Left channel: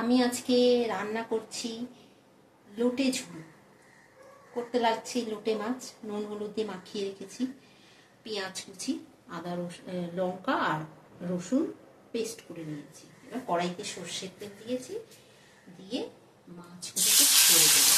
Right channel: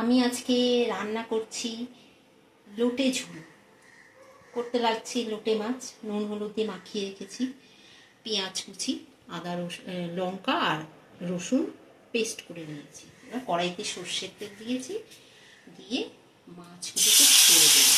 আমি আজকে রান্না করছি লোটে ঝোল। করতে লাগছি লোটে মাছ, নুন হলুদ দিয়ে মাখিয়ে রেখেছি, পেঁয়াজ কুচি, আদা লঙ্কা আর রসুন পেস্ট করে নিয়েছি। এবার কড়াইতে সর্ষের তেল দিয়েছি, দিয়ে মাছগুলোকে ছেড়ে দেবো।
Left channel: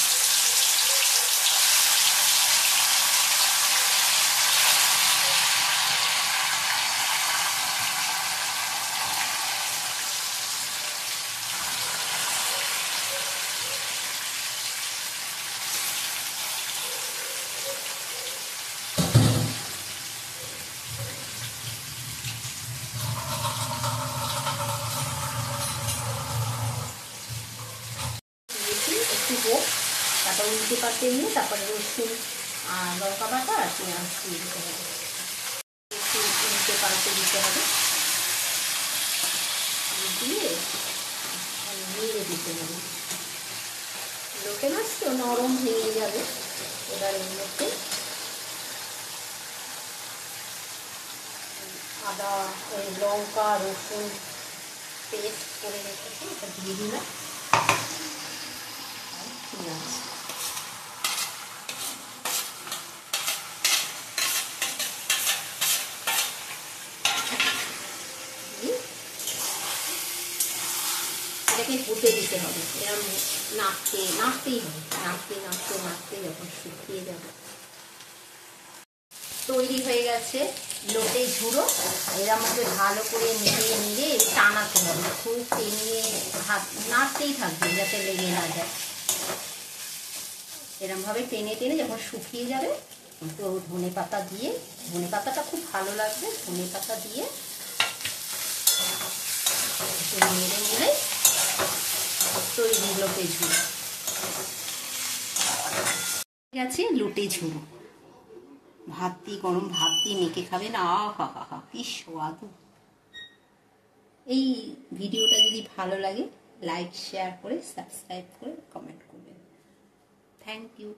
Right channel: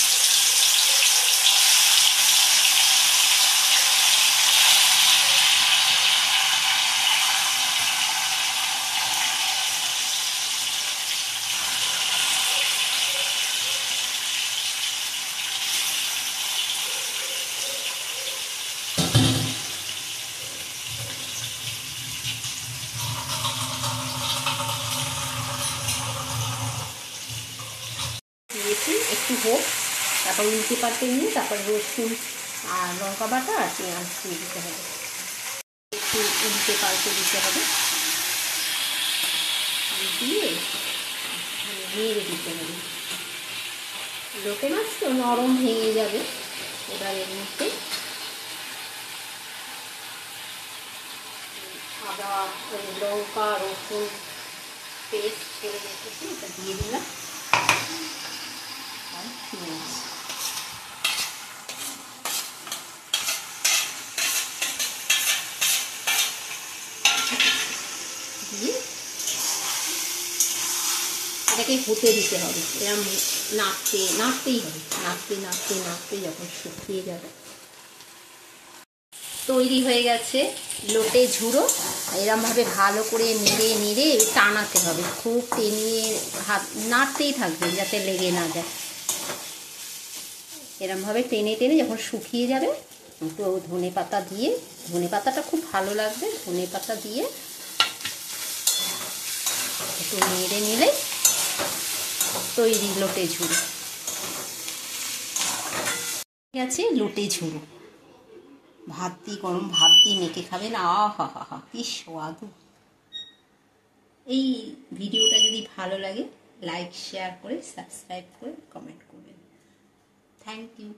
একটু হোক, তারপর উল্টে পাল্টে নিয়ে তারপর রসুন আর লঙ্কা বাটা আর পেঁয়াজ দিয়ে দিতে হবে। একটু উল্টে পাল্টে দিতে হবে, দিয়ে নেড়ে দিতে হবে। লোটে মাছ তো নরম ভেঙে যাবে। এবার এর মধ্যে আদা লঙ্কা রসুন পেস্ট করে রেখেছি, এটা দিয়ে দিলাম। এটাকে ফুটে দিতে হবে, এরকম নাড়তেই হবে, নাড়তে যখন শুকিয়ে যাবে। তৈরি হয়ে গেছে লোটে ঝুড়ো। এরম ভাবে ভালো করে নেড়ে টানাতে হবে, খুব টেনে হাত নাড়তেই থাকবে যাতে লেগে না যায়। এরম ভাবে টেনে যখন শুকিয়ে যাবে, তো ধনে পাতা দিয়ে, ধনে পাতাটা খুব ভালো লাগবে, ধনে পাতা দিয়ে একটু নেড়ে নিলে তৈরি লোটে ঝুড়ো। গেছে লোটে ঝুড়ো। ভাত দিয়ে, গরম ভাত দিয়ে মেখে খাবেন, আহা হা হা, কি স্বাদ। এই ভিডিওটা যদি ভালো লাগে লাইক শেয়ার করে সাবস্ক্রাইব করে কমেন্ট করবেন। Thank you.